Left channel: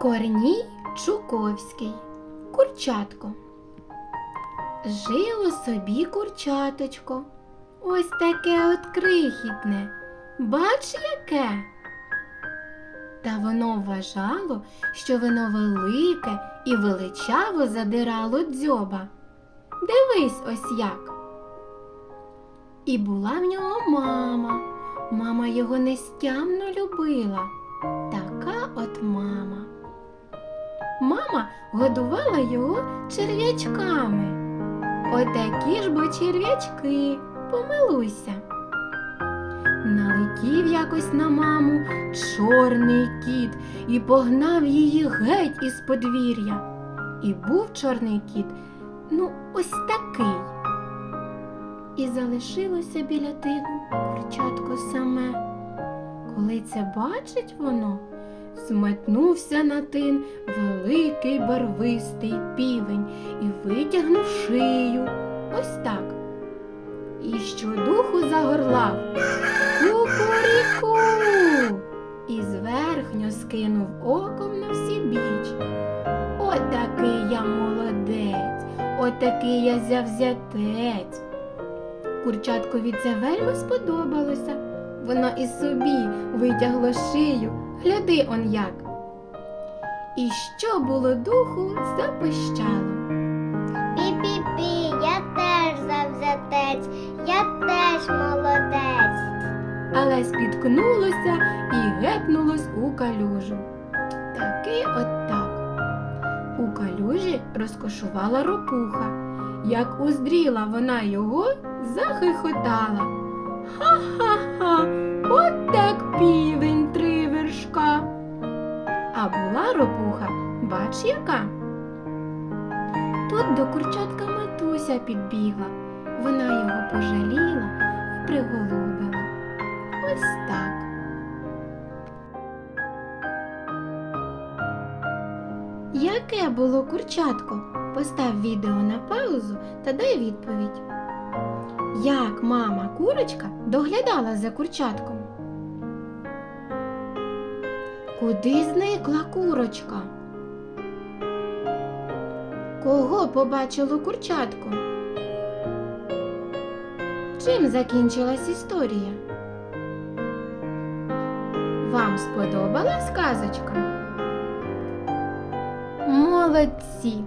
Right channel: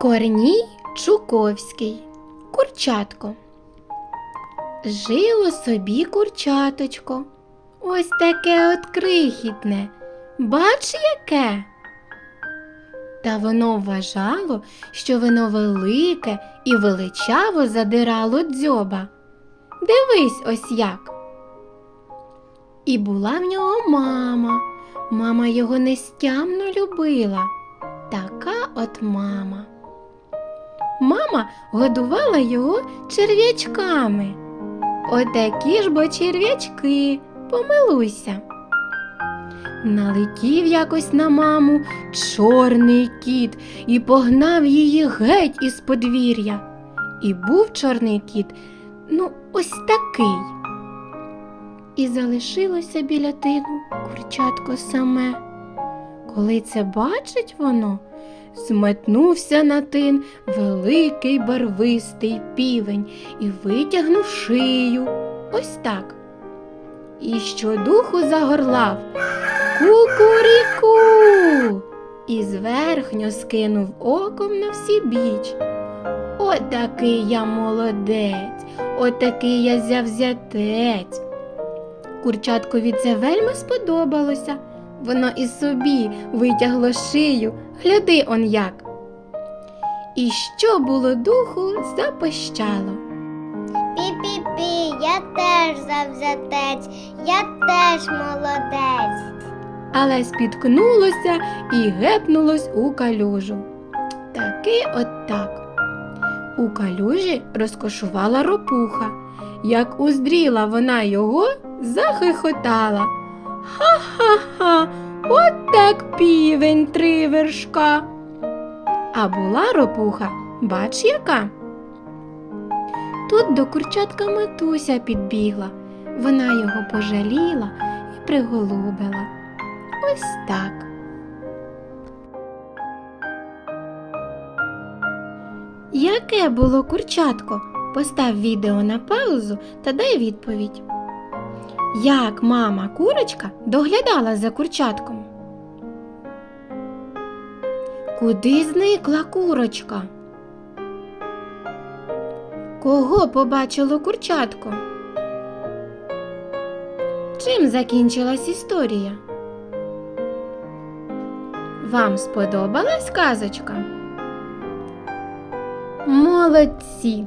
Корній Чуковський. Курчатко. Жило собі курчаточко. Ось таке от крихітне. Бач яке. Та воно вважало, що воно велике і величаво задирало дзьоба. Дивись ось як. І була в нього мама. Мама його нестямно любила. Така от мама. Мама годувала його черв'ячками. Отакі ж бо черв'ячки, помилуйся. Налетів якось на маму чорний кіт і погнав її геть із подвір'я. І був чорний кіт, ну, ось такий. І залишилося біля тину курчатко саме. Коли це бачить воно, зметнувся на тин великий барвистий півень і витягнув шию. Ось так. І щодуху загорлав Кукуріку. І зверхньо скинув оком на всі біч. Отакий я молодець, отакий я завзятець. Курчаткові це вельми сподобалося. Воно і собі витягло шию, гляди он як. І що було духу, запищало. Пі-пі-пі, я теж завзятець, я теж молодець. але спіткнулося і гепнулось у калюжу. Таки от так. У калюжі розкошувала ропуха. Як уздріла вона його, захихотала. Ха-ха-ха, от так півень три вершка. А була ропуха, бач яка. Тут до курчатка матуся підбігла. Вона його пожаліла і приголубила. Ось так. Яке було курчатко? Постав відео на паузу та дай відповідь. Як мама курочка доглядала за курчатком? Куди зникла курочка? Кого побачило курчатко? Чим закінчилась історія? Вам сподобалась казочка? Молодці!